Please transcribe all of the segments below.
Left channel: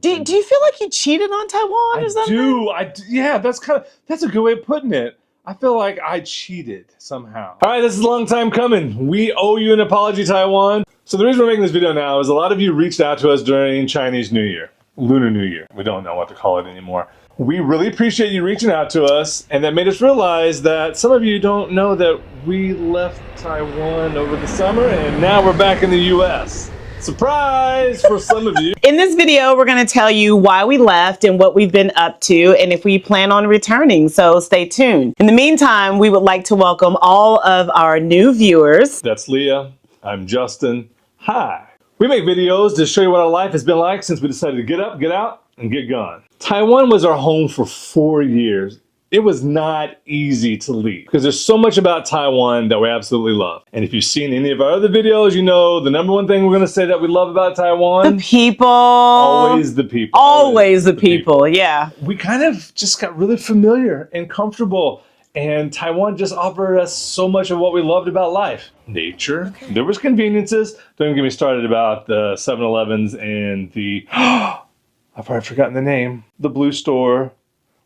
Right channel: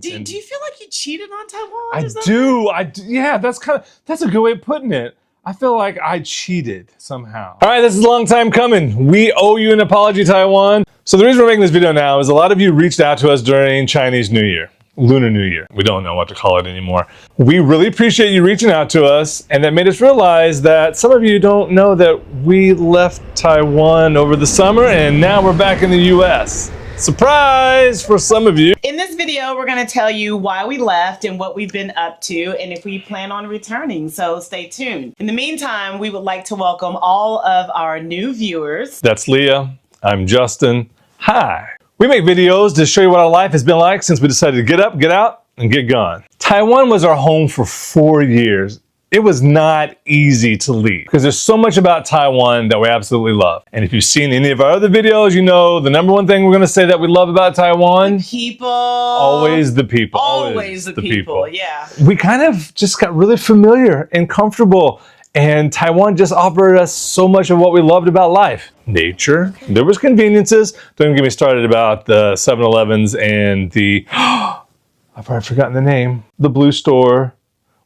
Do you feel like you cheated on Taiwan or something? I do. Yeah, that's a good way of putting it. I feel like I cheated somehow. All right, this is a long time coming. We owe you an apology, Taiwan. So the reason we're making this video now is a lot of you reached out to us during Chinese New Year. Lunar New Year. We don't know what to call it anymore. We really appreciate you reaching out to us, and that made us realize that some of you don't know that we left Taiwan over the summer and now we're back in the US. Surprise for some of you. In this video, we're going to tell you why we left and what we've been up to and if we plan on returning, so stay tuned. In the meantime, we would like to welcome all of our new viewers. That's Leah. I'm Justin. Hi. We make videos to show you what our life has been like since we decided to get up, get out, and get gone. Taiwan was our home for 4 years. It was not easy to leave because there's so much about Taiwan that we absolutely love. And if you've seen any of our other videos, you know the number one thing we're going to say that we love about Taiwan. The people. Always the people. Always the people, yeah. We kind of just got really familiar and comfortable. And Taiwan just offered us so much of what we loved about life. Nature. Okay. There was conveniences. Don't get me started about the 7-Elevens and the, I've already forgotten the name, the blue store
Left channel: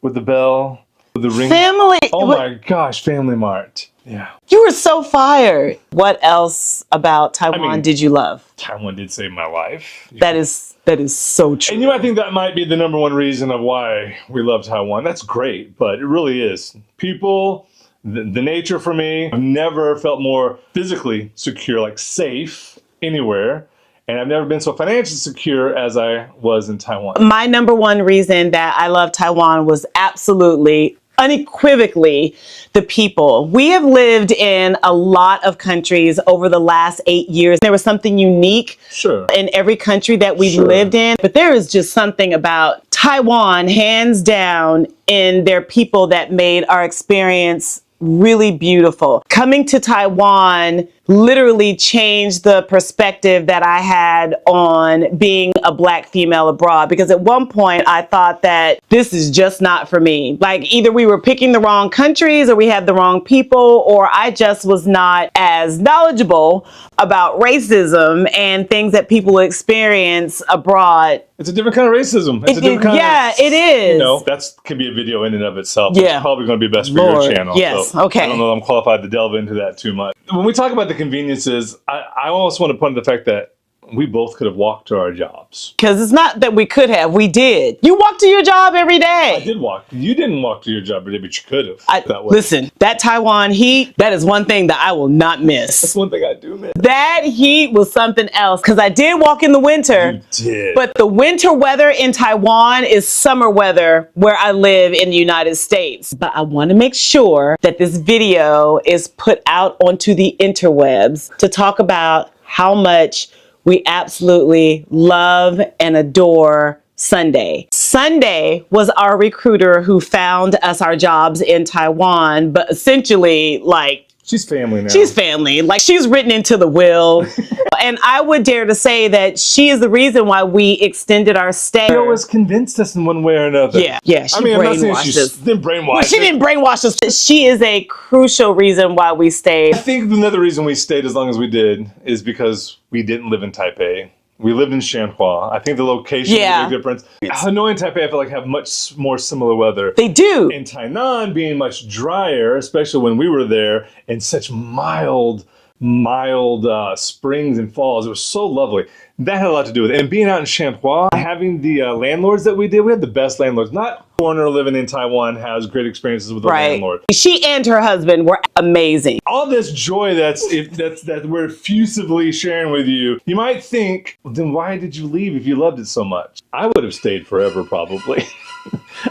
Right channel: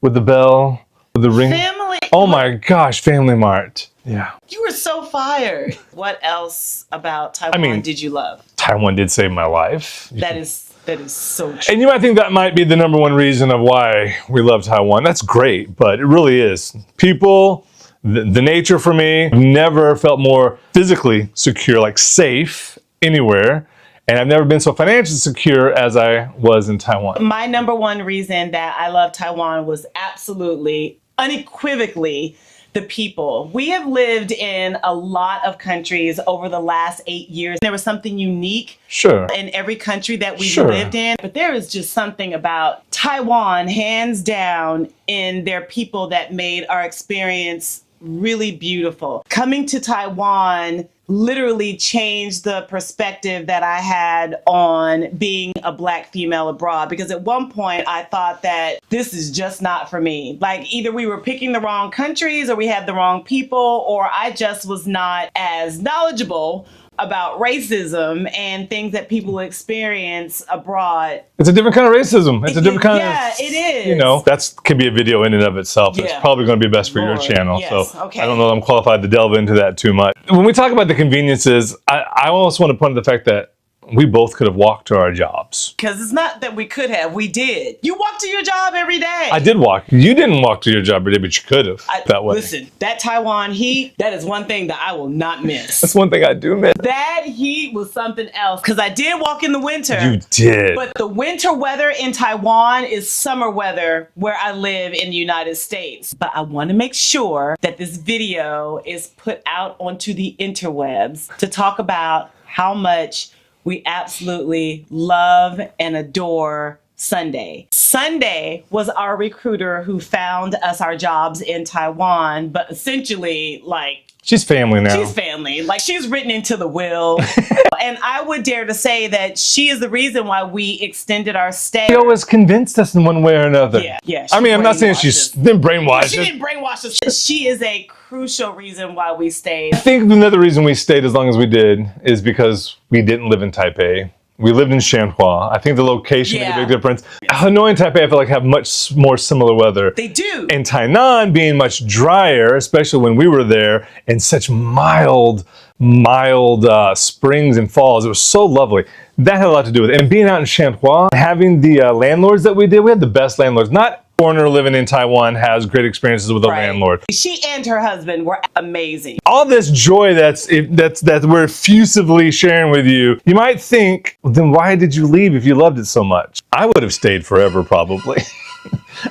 with the bell, with the ring. Family. Oh my gosh, Family Mart. Yeah. You were so fired. What else about Taiwan did you love? Taiwan did save my life. That is so true. And you might think that might be the number one reason of why we love Taiwan. That's great, but it really is. People, the nature for me, I've never felt more physically secure, like safe anywhere. And I've never been so financially secure as I was in Taiwan. My number one reason that I love Taiwan was absolutely, unequivocally, the people. We have lived in a lot of countries over the last 8 years. There was something unique in every country that we've lived in, but there is just something about Taiwan, hands down, in their people that made our experience really beautiful. Coming to Taiwan literally changed the perspective that I had on being a Black female abroad, because at one point I thought that this is just not for me. Like either we were picking the wrong countries or we had the wrong people, or I just was not as knowledgeable about racism and things that people experience abroad. It's a different kind of racism. It's a different kind of, it is. You know, that can be a video in and of itself. Yeah. It's probably going to be best for your channel. Yes, so okay. I don't know if I'm qualified to delve into that too much. When we talk about the conveniences, I almost want to point to the fact that we both could have walked to our jobs. Because it's not that we could have, we did. You walk to your job every day. I did walk. You didn't walk to your job every day, but you could have that way. Listen, that Taiwan heat, that is one thing that I will not miss. That's one thing I do miss. That heat was something else, because I did walk in the winter. You did. But the winter weather in Taiwan is summer weather where I live in the United States. But I want to make sure that this video is put out onto the interwebs to talk about how much we absolutely love and adore Sunday. Sunday was our recruiter who found us our jobs in Taiwan, but essentially, like, she's family now. She's family. Like, she's written into the will. And I would dare to say that she is the reason why we extended our stay. She always convinced us in one way or another. Yeah. I mean, I'm not saying she's been brainwashed. She didn't brainwash us. She is a crucial reason why we stayed. I think another reason we stayed as long as we did is because we didn't live in Taipei. We lived in Shanghua. I think the location is a big difference. Hanoi and Taipei, I feel like, have much more similar weather. They do. And Tainan being much drier, especially when we were there, and such mild springs and falls. It was so lovely. That had a lot to do with it. And being out in Shanghua, having the landlords that we did, we had the best landlords. Not foreigner living in Taiwan has great experiences with a landlord. She and her husband were amazing. All this joy that we're effusively sharing with you, you might think, well, then why did you leave if you loved it so much? I would have stayed forever, probably.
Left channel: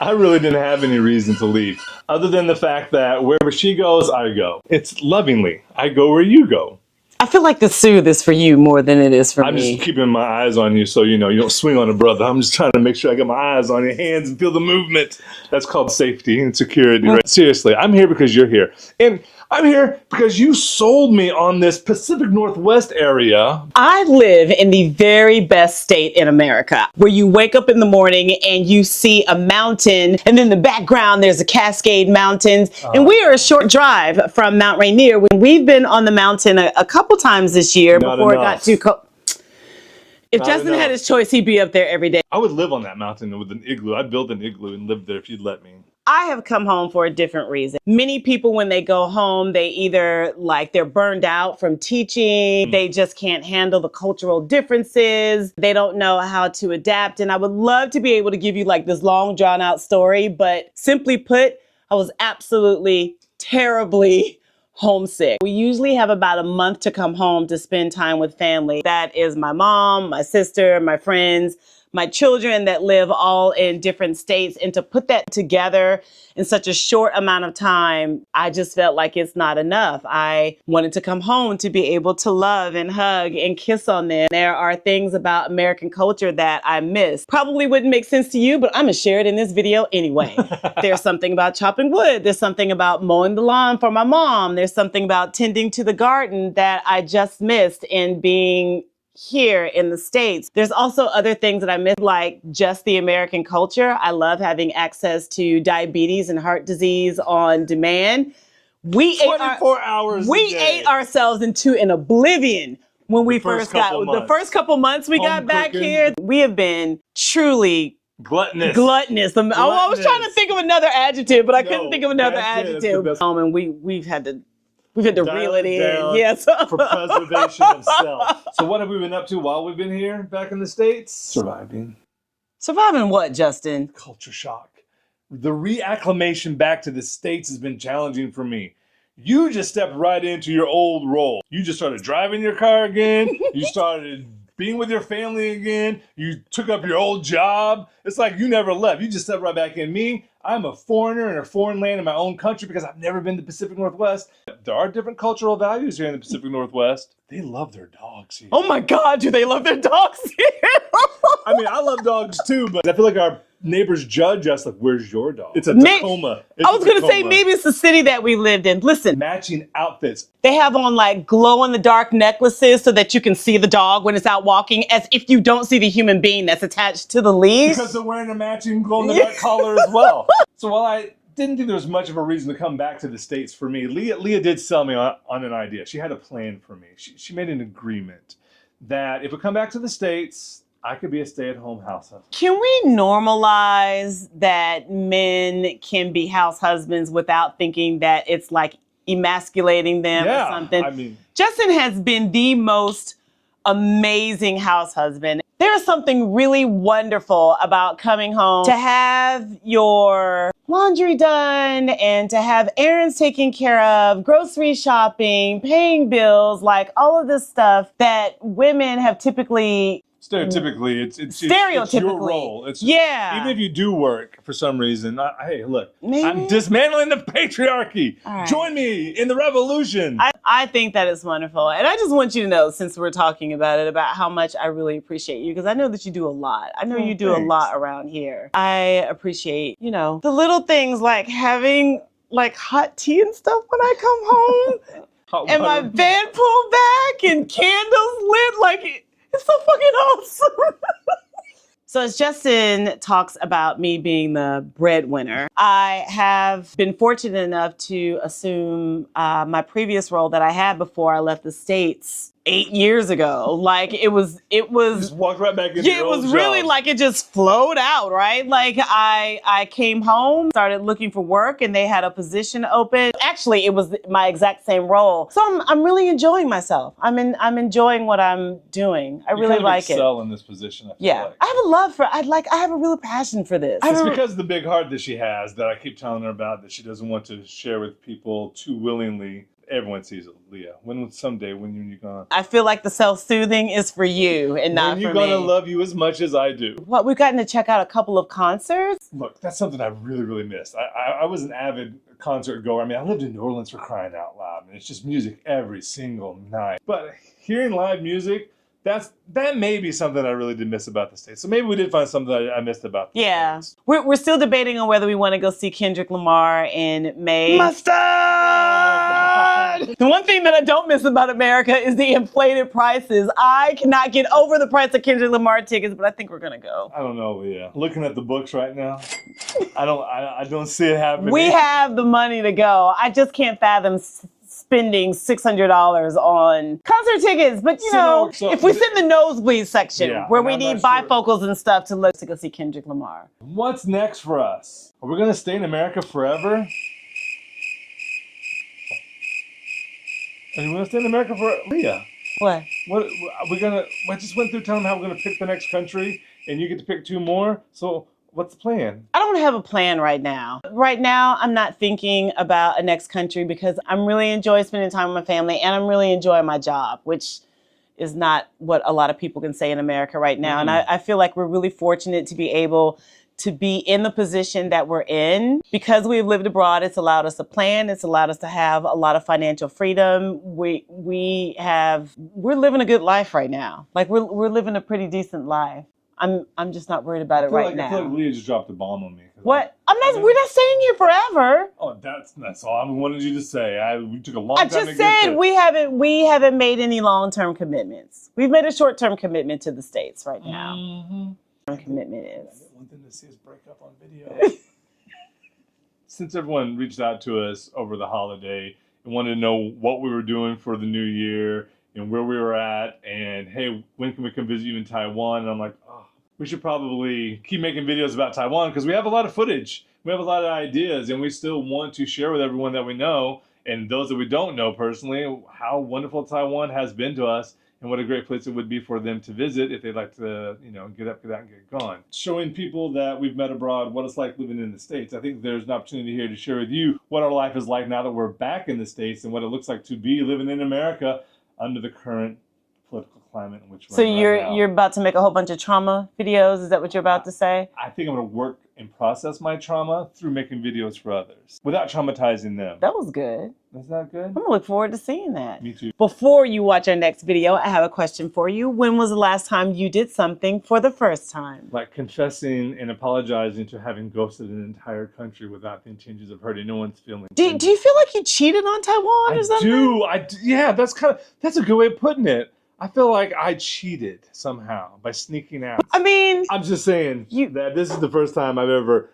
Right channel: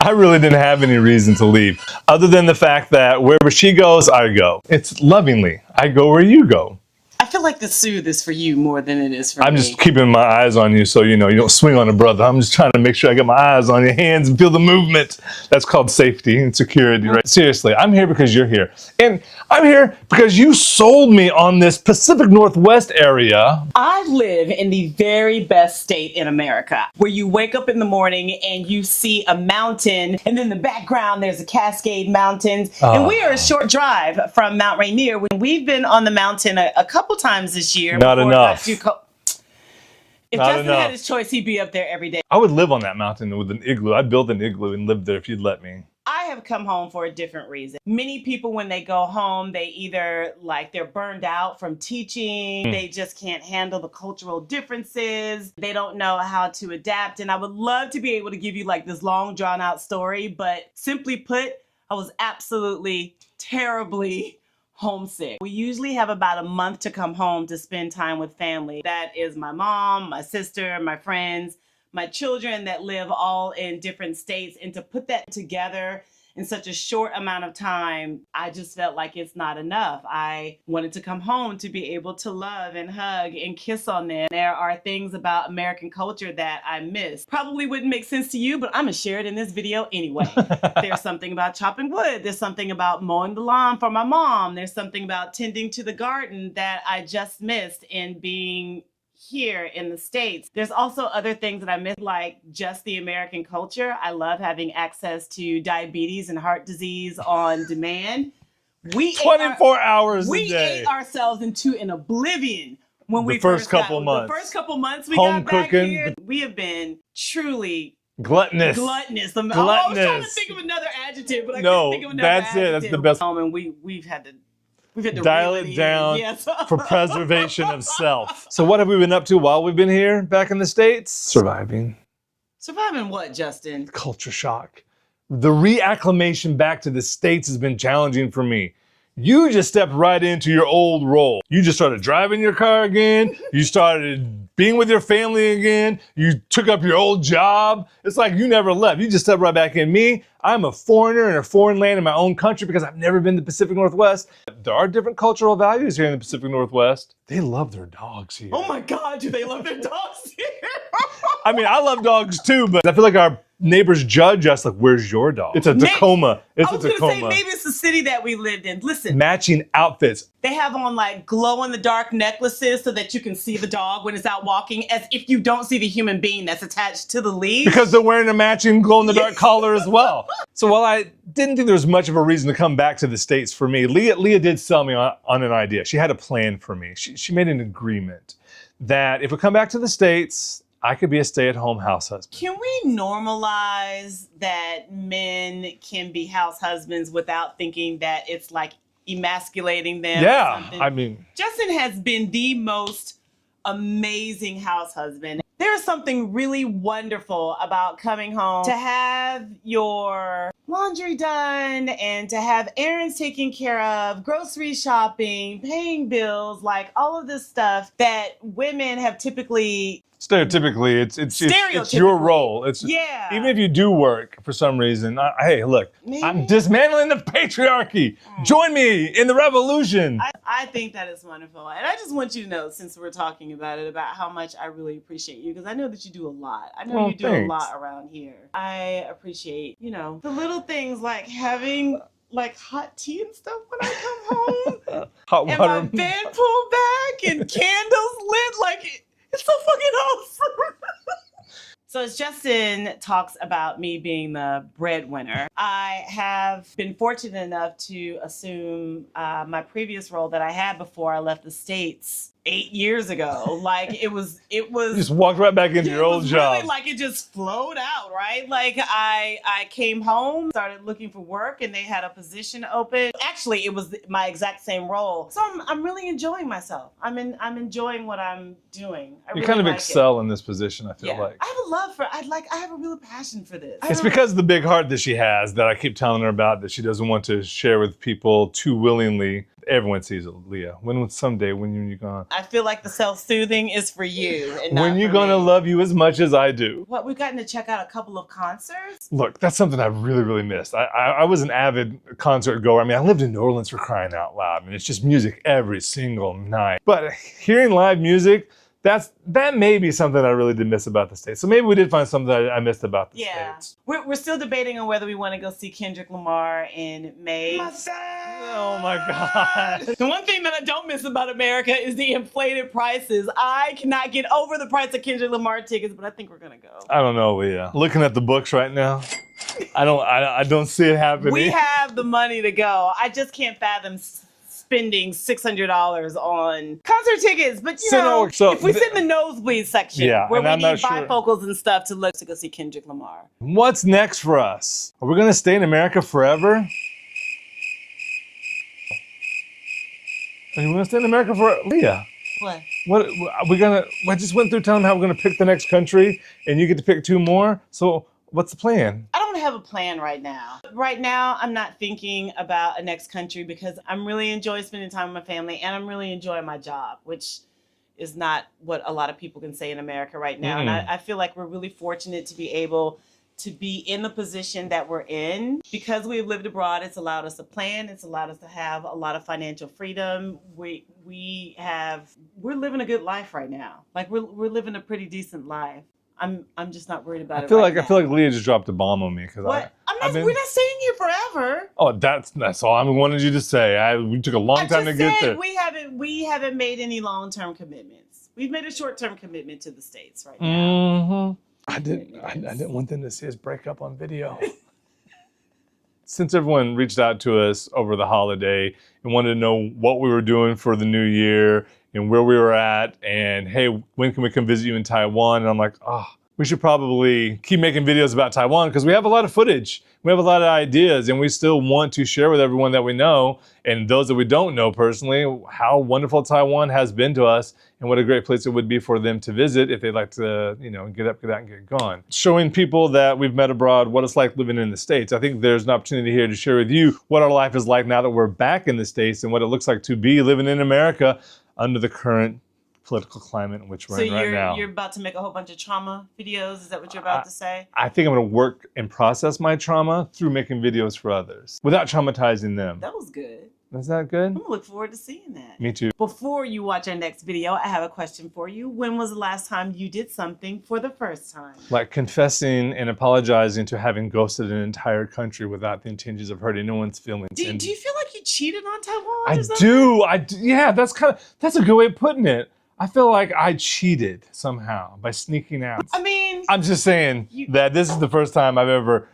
I really didn't have any reason to leave, other than the fact that wherever she goes, I go. It's lovingly. I go where you go. I feel like the soothe is for you more than it is for me. I'm just keeping my eyes on you so you know you don't swing on a brother. I'm just trying to make sure I got my eyes on your hands and feel the movement. That's called safety and security, right? Seriously, I'm here because you're here. And I'm here because you sold me on this Pacific Northwest area. I live in the very best state in America, where you wake up in the morning and you see a mountain, and in the background there's a Cascade Mountains. And we are a short drive from Mount Rainier. We've been on the mountain a couple times this year before it got too cold. If I don't Justin know. had his choice, he'd be up there every day. I would live on that mountain with an igloo. I'd build an igloo and live there if you'd let me. I have come home for a different reason. Many people, when they go home, they either they're burned out from teaching, they just can't handle the cultural differences, they don't know how to adapt. And I would love to be able to give you this long drawn out story, but simply put, I was absolutely terribly homesick. We usually have about a month to come home to spend time with family. That is my mom, my sister, my friends, my children that live all in different states. And to put that together in such a short amount of time, I just felt like it's not enough. I wanted to come home to be able to love and hug and kiss on them. There are things about American culture that I miss. Probably wouldn't make sense to you, but I'm gonna share it in this video anyway. There's something about chopping wood. There's something about mowing the lawn for my mom. There's something about tending to the garden that I just missed in being here in the States. There's also other things that I miss, like just the American culture. I love having access to diabetes and heart disease on demand. We 24 hours a We day. ate ourselves into an oblivion when we first first got couple months. the first couple months we Home got back cooking. here. We have been truly Gluttonous. gluttonous. I was trying to Gluttonous. think of another adjective, but I No, couldn't think of another that's it. adjective. That's the best. And we've had to Dial reel it it in. down Yes. for preservation of self. So what have we been up to while we've been here back in the States? Surviving. Surviving what, Justin? Culture shock. The reacclimation back to the States has been challenging for me. You just stepped right into your old role. You just started driving your car again. You started being with your family again. You took up your old job. It's like you never left. You just stepped right back in. Me, I'm a foreigner in a foreign land in my own country because I've never been to the Pacific Northwest. There are different cultural values here in the Pacific Northwest. They love their dogs here. Oh my God, do they love their dogs here? I mean, I love dogs too, but I feel like our neighbors judge us like, where's your dog? It's a May- Tacoma. It's I was a going to say, Tacoma. maybe it's the city that we lived in. Listen, Matching outfits. they have on glow in the dark necklaces so that you can see the dog when it's out walking, as if you don't see the human being that's attached to the leash. Because they're wearing a matching glow-in-the-dark collar as well. So while I didn't think there was much of a reason to come back to the States for me, Leah did sell me on an idea. She had a plan for me. She made an agreement that if we come back to the States, I could be a stay-at-home house husband. Can we normalize that men can be house husbands without thinking that it's emasculating them or something? I mean, Justin has been the most amazing house husband. There is something really wonderful about coming home to have your laundry done and to have errands taken care of, grocery shopping, paying bills, all of this stuff that women have typically. stereotypically, it's your Stereotypically. role. It's Yeah. Even if you do work for some reason, hey, look, Maybe. I'm dismantling the patriarchy. All right. Join me in the revolution. I think that is wonderful. And I just want you to know, since we're talking about it, about how much I really appreciate you, because I know that you do a lot. I know Oh, you do thanks. a lot around here. I appreciate, the little things like having hot tea and stuff when I come home. Hot And my water. bed pulled back and candles lit. It's so fucking awesome. So as Justin talks about me being the breadwinner, I have been fortunate enough to assume my previous role that I had before I left the States 8 years ago. It was You just walked right back into yeah, your it old was job. really it just flowed out, right? I came home, started looking for work, and they had a position open. Actually, it was my exact same role. So I'm really enjoying myself. I'm enjoying what I'm doing. I You really kind of like excel in this position, I feel Yeah, like. I have a love for. I have a real passion for this. It's because of the big heart that she has that I keep telling her about that she doesn't want to share with people too willingly. Everyone sees it, Leah. Someday when you're gonna I feel like the self-soothing is for you and not when you're for gonna me. love you as much as I do. What, we've gotten to check out a couple of concerts. Look, that's something I really, really missed. I was an avid concert goer. I mean, I lived in New Orleans, for crying out loud. I mean, it's just music every single night. But hearing live music, that may be something I really did miss about the States. So maybe we did find something I missed about the Yeah, States. we're still debating on whether we want to go see Kendrick Lamar in May. My son! Oh my God. The one thing that I don't miss about America is the inflated prices. I cannot get over the price of Kendrick Lamar tickets, but I think we're gonna go. I don't know, Leah. Looking at the books right now, I don't see it happening. We have the money to go. I just can't fathom spending $600 on concert tickets. But you know, if we sit in the nosebleed section where we need bifocals and stuff to look to go see Kendrick Lamar. What's next for us? Are we gonna stay in America forever? Are you gonna stay in America forever? Leah. What? What we're gonna? I just went through telling how I'm gonna pick the next country, and you get to pick 2 more. So what's the plan? I don't have a plan right now. Right now, I'm not thinking about a next country because I'm really enjoying spending time with my family, and I'm really enjoying my job, which is not what a lot of people can say in America right now. And I feel like we're really fortunate to be able to be in the position that we're in. Because we've lived abroad, it's allowed us to plan. It's allowed us to have a lot of financial freedom. We're living a good life right now. Like we're living a pretty decent life. I'm just not worried about it right now. I feel like Leah just dropped a bomb on me. What? We're not staying here forever. Oh, that's all I wanted you to say. We took a long time to get there. I just said we haven't made any long-term commitments. We've made a short-term commitment to the States right now. I didn't want them to see us break up on video. Since everyone reached out to us over the holiday and wanted to know what we were doing for the new year and where we were at, and hey, when can we come visit you in Taiwan? And I'm like, we should probably keep making videos about Taiwan because we have a lot of footage. We have a lot of ideas, and we still want to share with everyone that we know and those that we don't know personally how wonderful Taiwan has been to us and what a great place it would be for them to visit if they'd like to, get up, get out, and get gone. Showing people that we've met abroad what it's like living in the States. I think there's an opportunity here to share with you what our life is like now that we're back in the States and what it looks like to be living in America under the current political climate in which we're in right now. So you're about to make a whole bunch of trauma videos? Is that what you're about to say? I think I'm going to work and process my trauma through making videos for others without traumatizing them. That was good. Is that good? I'm going to look forward to seeing that. Me too. Before you watch our next video, I have a question for you. When was the last time you did something for the first time? Like confessing and apologizing to having ghosted an entire country without the intentions of hurting no one's feelings. Do you feel like you cheated on Taiwan or something? I do. Yeah, that's a good way of putting it. I feel like I cheated somehow by sneaking out. I mean, I'm just saying that this is the first time I've ever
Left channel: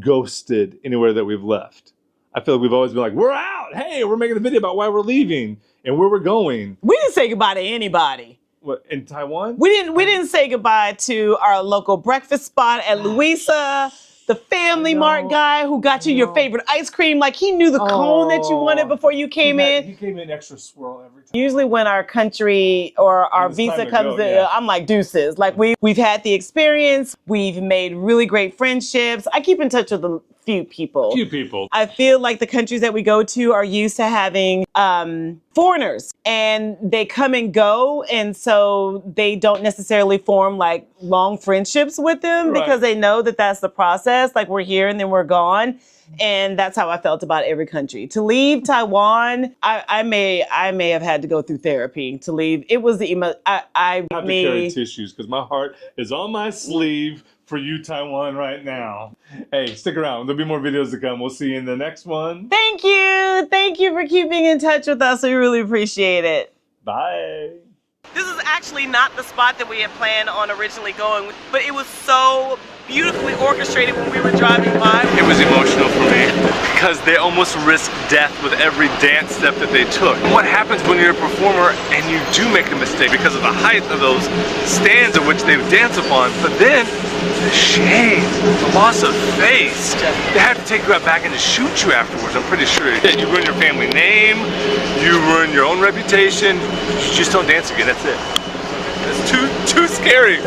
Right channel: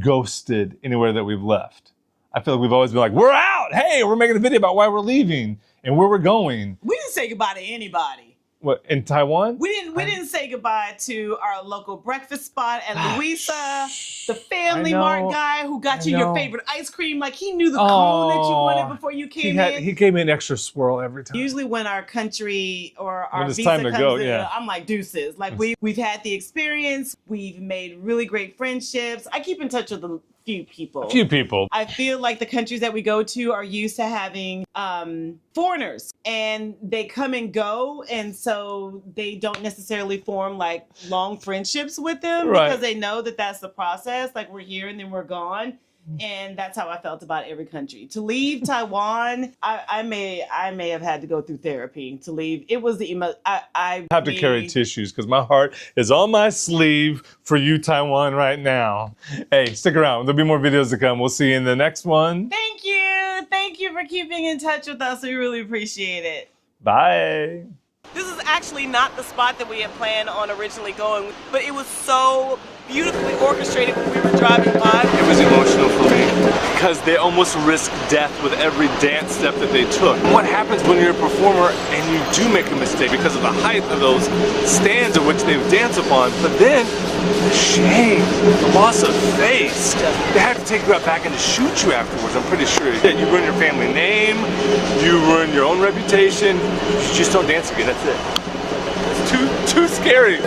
ghosted anywhere that we've left. I feel like we've always been like, we're out. Hey, we're making a video about why we're leaving and where we're going. We didn't say goodbye to anybody. What, in Taiwan? We didn't say goodbye to our local breakfast spot at Louisa, the Family Mart guy who got you your favorite ice cream. Like he knew the cone that you wanted before you came in. He gave me an extra swirl every time. Usually when our country or our visa comes in, I'm like deuces. Like we've had the experience. We've made really great friendships. I keep in touch with a few people. I feel like the countries that we go to are used to having foreigners and they come and go, and so they don't necessarily form like long friendships with them because they know that that's the process. Like we're here and then we're gone. And that's how I felt about every country. To leave Taiwan, I may have had to go through therapy to leave. It was I have to carry tissues because my heart is on my sleeve for you, Taiwan, right now. Hey, stick around. There'll be more videos to come. We'll see you in the next one. Thank you. Thank you for keeping in touch with us. We really appreciate it. Bye. This is actually not the spot that we had planned on originally going, but it was so beautifully orchestrated when we were driving by. It was emotional for me because they almost risked death with every dance step that they took. What happens when you're a performer and you do make a mistake because of the height of those stands in which they dance upon, but then the shame, the loss of face. They have to take you out back and to shoot you afterwards, I'm pretty sure. You ruin your family name, you ruin your own reputation, you just don't dance again, that's it. It's too scary.